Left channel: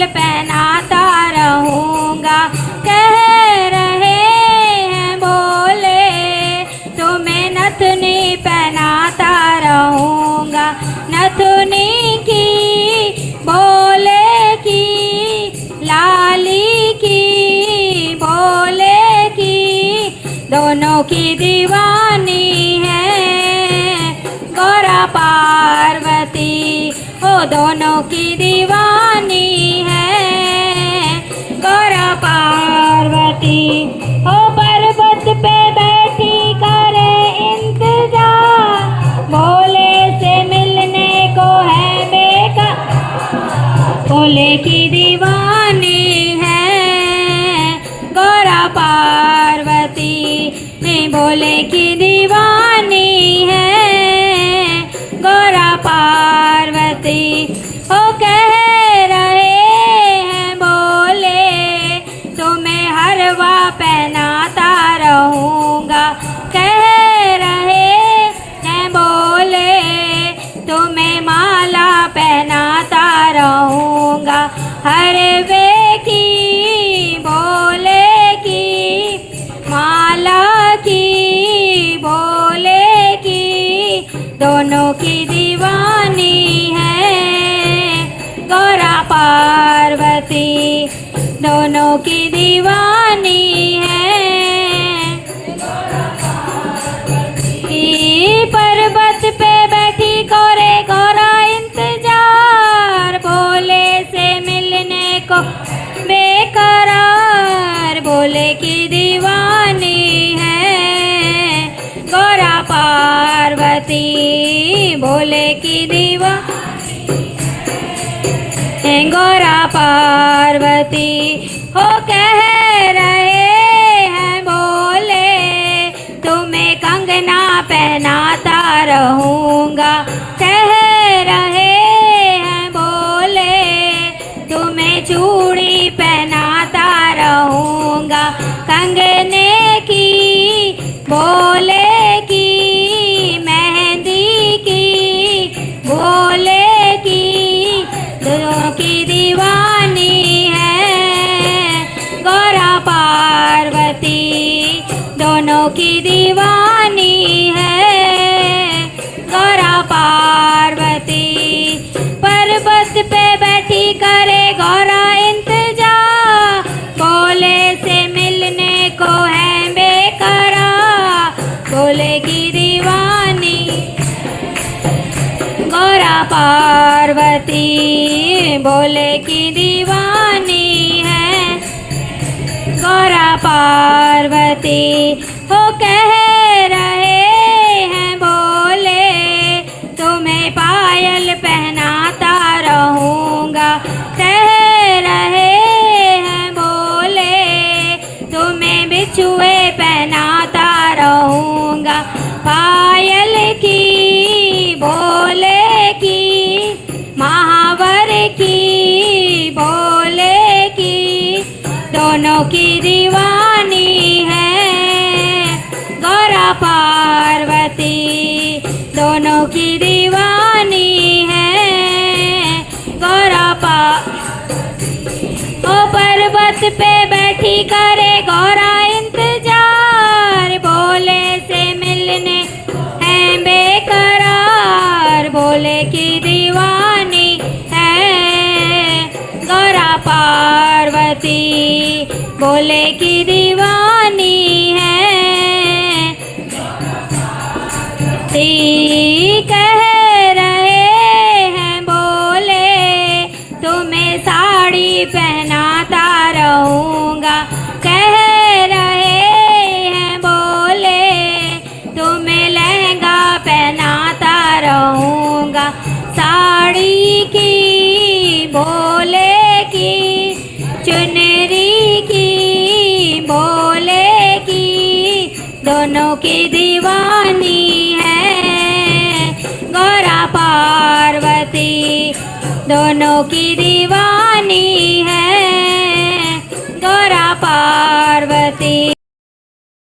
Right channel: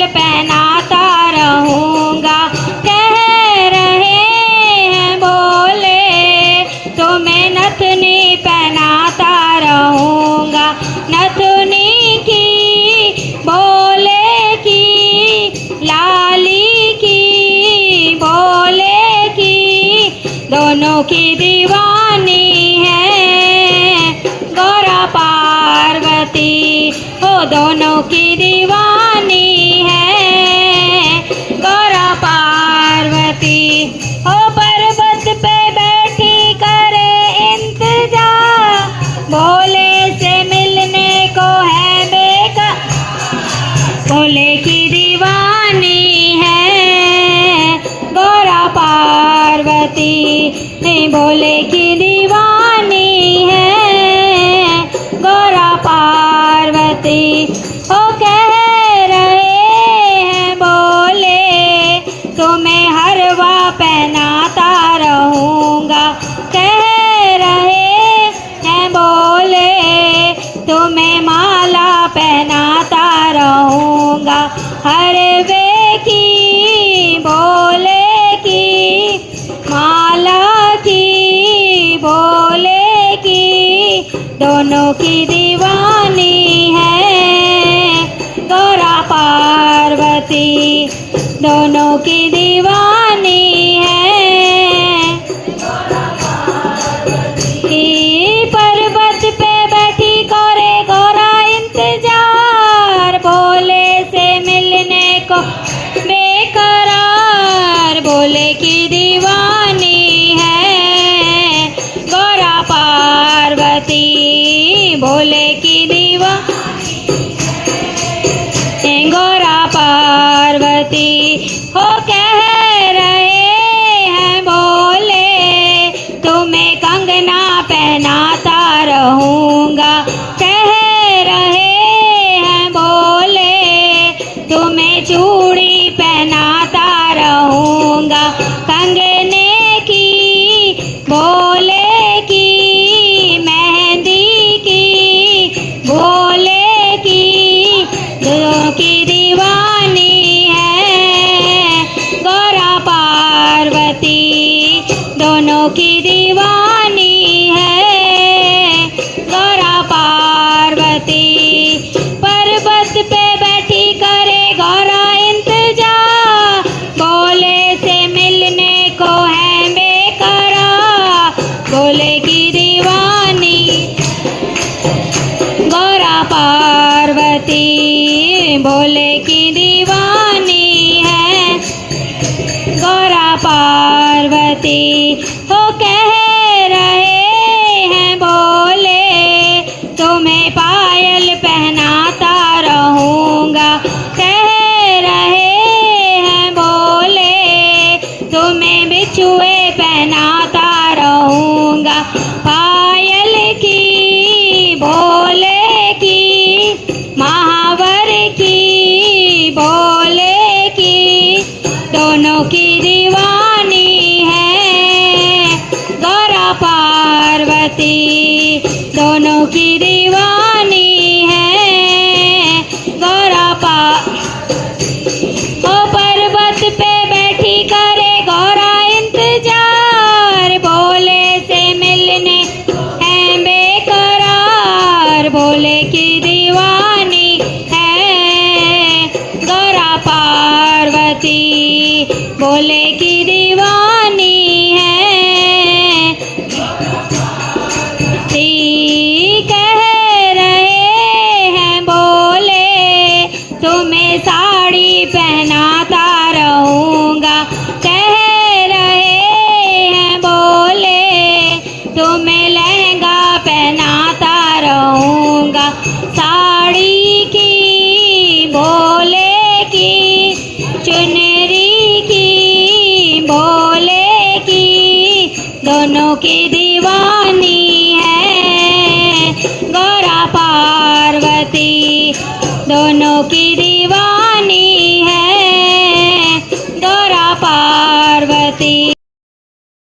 पायल पहनाता रहूँगा। कह रहे हैं बोले तुम्हें नथनी पहनाता रहूँगा। नथनी की बोले की लाली की बोले की दोनों की दीवानी है गौरा पार्वती। ओ दोनों की दीवानी है गौरा पार्वती। ओ पर्वत पे बैठी करे इंतजार भोले से मिलने को है बेकार। भोले की दीवानी है गौरा पार्वती। भोले की दीवानी है गौरा पार्वती। ओ कह रहे हैं बोले तुम्हें हरवा पहनाता रहूँगा। कह रहे हैं बोले तुम्हें माला पहनाता रहूँगा। हरवे की बोले की माला की बोले की दोनों की दीवानी है गौरा पार्वती। दोनों की दीवानी है पर्वत पे बैठी करे गौरा इंतजार भोले से मिलने को बेकरार। भोले की दीवानी है गौरा पार्वती। भोले की दीवानी गौरा पार्वती। हो कह रहे हैं बोले तुम्हें कंगना पहनाता रहूँगा। कह रहे हैं बोले तुम्हें चूड़ी पहनाता रहूँगा। कंगने की बोले की मेहंदी की बोले की दोनों की दीवानी है गौरा पार्वती। दोनों की दीवानी है गौरा पार्वती। पर्वत पे बैठी करे गौरा इंतजार भोले से मिलने को है बेकरार। भोले की दीवानी गौरा पार्वती। भोले की दीवानी है गौरा पार्वती। हो कह रहे हैं बोले तुम्हें पायल पहनाता रहूँगा। कह रहे हैं बोले तुम्हें बिछुए पहनाता रहूँगा। पायल की बोले की महावर की बोले की दोनों की दीवानी है गौरा पार्वती। दोनों की दीवानी है गौरा ओ पर्वत पे बैठी करे गौरा इंतजार भोले से मिलने है बेकरार। भोले की दीवानी है गौरा पार्वती। भोले की दीवानी है कह रहे हैं बोले तुम्हें साड़ी पहनाता रहूँगा। कह रहे हैं बोले तुम्हें लहंगा पहनाता रहूँगा। साड़ी की बोले की चुनरी की बोले की दोनों की दीवानी है गौरा पार्वती। दोनों की